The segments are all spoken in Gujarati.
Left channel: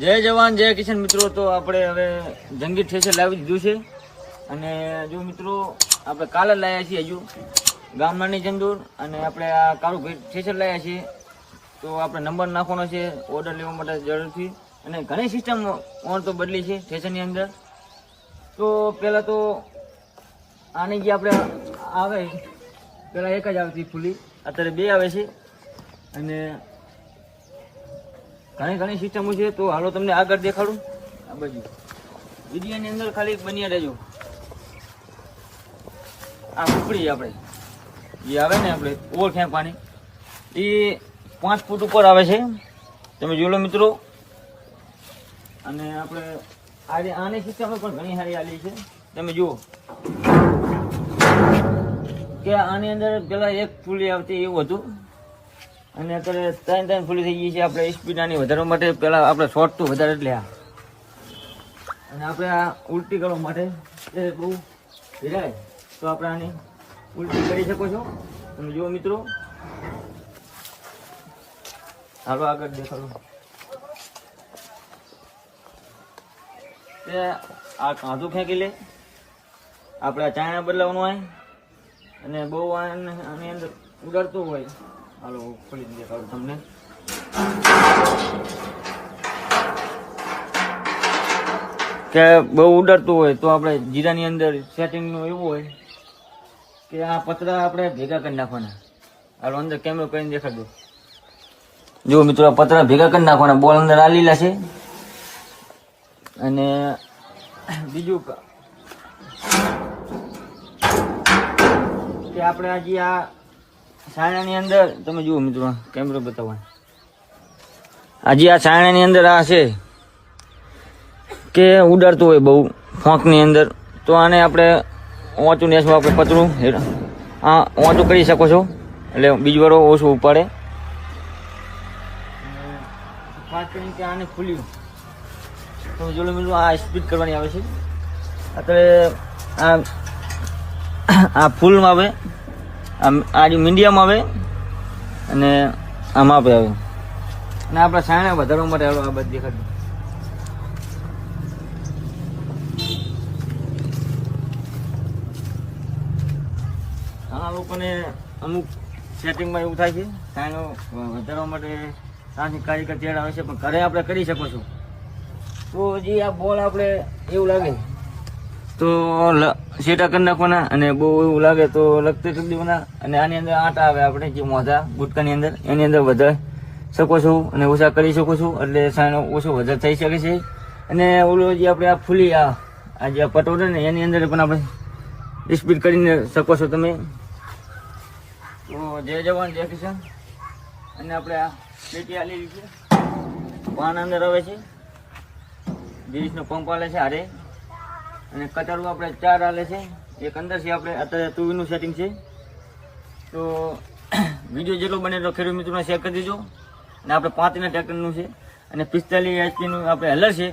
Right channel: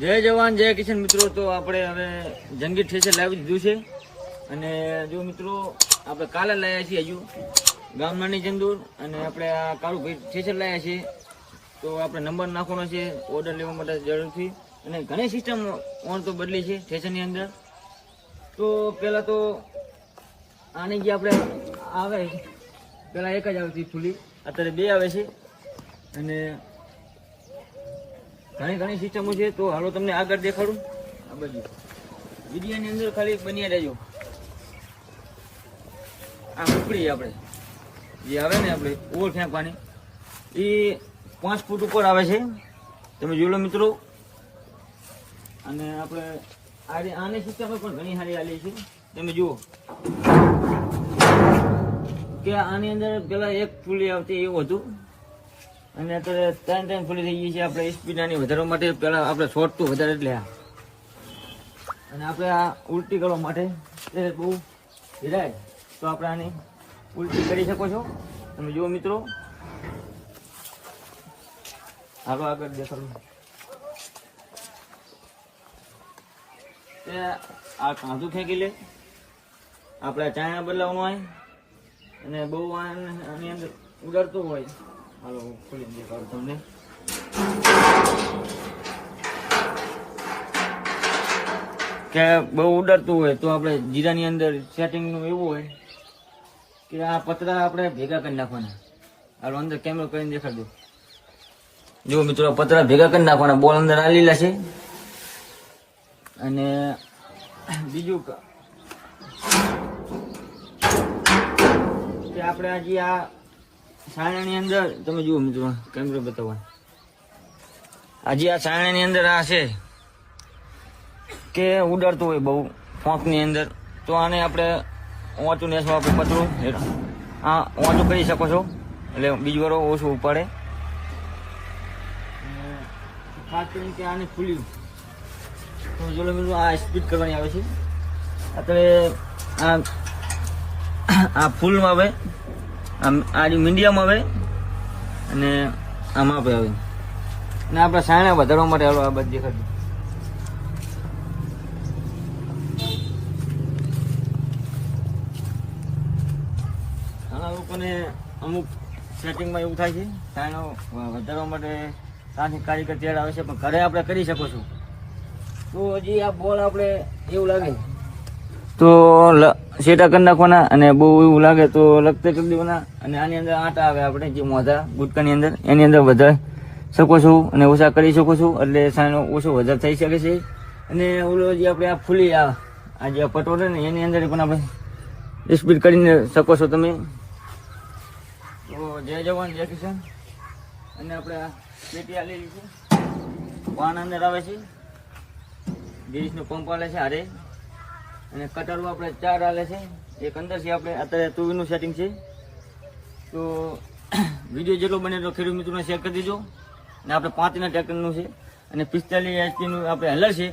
જય જવાન, જય કિશન મિત્રો. તો આપણે હવે જંગી ઠેસર લાવી દીધું છે. અને જો મિત્રો, આપણે કાલે લાવ્યા છીએ હજુ ગામનાની ચંદુર અને આપણે આ કાળું ભેટ ઠેસર લાવ્યા છીએ. તો આપણે નંબર નાખવાનો છે ઓર્ડર લેવા માટે જરૂરથી. અને ઘણી સિસ્ટમ ઓન તો બદલી છે ઠેસરની અંદર. તો પહેલાં તો આની જે આપણે આવે, પહેલાં એક જ આવતી ફૂલી. અત્યારે બે આવે છે. અને ઘણી ઘણી સિસ્ટમો છે તો હાલો તમને આગળ દેખાડું. આ બાજુ. વિડીયોની અંદર ખાલી બન્યા રહેજો. આ સુપડી આપણે. જે આવે ને આપણે ઓર ફેંકવાની. એ પાંચ ફૂટ ઉપર આવે છે. તમે જોઈ લો મિત્રો. અને આપણે આજે આની સિસ્ટમ પણ ઘણી સારી આલી છે. તમે જુઓ. કે આની અંદર પેલા એક ફૂલી આવતી એવું હતું. અને અત્યારે ત્રણ ત્રણ ફૂલી થઈ ગઈ છે. આપણે સ્પીડ આની વધારવા માટે પેલા આપણે શોર્ટ તો વધારે એટલે આ અને આપણે આ ઉલટી કરવા માટે એ બહુ ભીડાય તો આપણે આની ઉલટી કરી શકો છો. તમે જુઓ મિત્રો, હાલો આગળ દેખાડું. તે આ કાંધું ફેંકી લે. આપણે ચાયણા બદલાવવાનું હોય. અને બહુ આની અંદર ઉડાડતું હોય. હાલો હું ખોલી દેખાડું તમને કે બહુ ઉડાડતું હોય તો આપણે જીરાની અંદર સેટિંગનું એવું હોય કે આ પતરા આપણે ભેગા કરી નાખવાના. હાલો, અંદર કેમેરો કરીને દેખાડો જુઓ મિત્રો પતરા ભેગા કરી નાખવાના. બોલ અંદર આ લીલા છે. અને બીજું કે આપણે આજે આ છાણાની અંદર, તમે જુઓ મિત્રો કેમેરો બતાવવા આજે આ છાણાની અંદર આ છે કે ઉડાડતું હોય બહુ, ફોંકની અંદર. તો આને આપણે ઓચું નેસવા પતરું આ ઓચું કરી શકો છો. એટલે બીજી વાર ઓછું ઉપાડે. ખાસ કરીને કે આને ખુલ્યું તમે મિત્રો, આ સ્પીડ કરવાની આવે છે. અત્યારે આ આ ફૂલમાં આવે. આમ આ જે મીડિયમ આવે અને આમ આપણે આવે. અને આપણે સાયણા વધારવા માટે હાલો આ બધી દેખાડું ઘણા લોકોને અમુક સેટિંગમાં એવું થાય છે, સાયણો વધારવા માટે ત્યાંથી કારીગર તેડ આવે છે, પણ ઘરે આપણે કરી શકો છો. તો હજી આ બોલ આપણે એવું લાગે. તો સેટા કરી નાખવાના અને બહુ એવું લાગે તો લગતર કરી દેવાના. અને આની અંદર આટા આવે આપણે, જે મોઢા ગુટકાની અંદર, એની અંદર વધારે શકો છો અને ઓછા કરી શકો છો, એટલે સાનો ઓછો વધારે થઈ શકે છે. અને ઓલો જે આપણે આ ફૂલી, આ આ જે પટોળે ને, એની અંદર પણ આપણે સ્પીડ કરીને શકો છો તમે. તો જય જવાન, જય કિશન અને આપણે આ પેટી આલેલી છે. પાન અંદર આવે છે. ગિરીશનો પંપ આલે છે હારે. અને કટારું આપણે ચાર આલે છે. એક અંદર છે આપણે, અત્યારે તુવીનું સેટિંગ છે. તો વીડિયો જેટલો બને એટલો ખેડૂત મિત્રોને શેર કરી દેજો. અને આપણે પાંચના ટ્રેક્ટરનું છે. અને પિસ્તાલીસ એચપીનું આપણે હલર છે.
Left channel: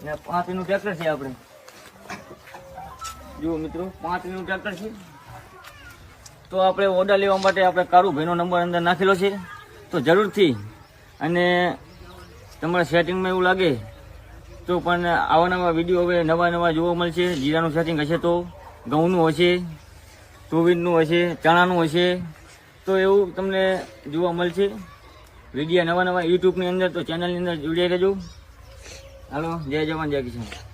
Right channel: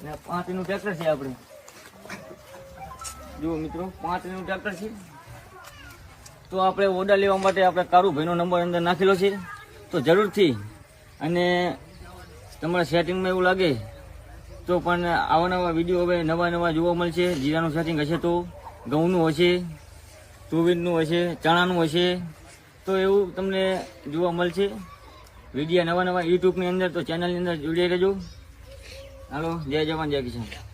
અને પાંચનું ટ્રેક્ટર છે આપણે. જુઓ મિત્રો પાંચનું ટ્રેક્ટર છે. તો આપણે ઓર્ડર લેવા માટે આપણે કારુભાઈનો નંબર અંદર નાખેલો છે. તો જરૂરથી, અને તમારા સેટિંગમાં એવું લાગે તો પણ આવા નવા વીડિયો હવે નવા નવા જોવા મળશે. જીરાનું સેટિંગ હશે તો, ઘઉંનું હશે, તુવેરનું હશે, ચણાનું હશે. તો એવું તમને જોવા મળશે. વિડીયા નવા નવા યુટ્યુબની અંદર તો ચેનલની અંદર જોડાઈ રહેજો. હાલો, જય જવાન, જય કિશન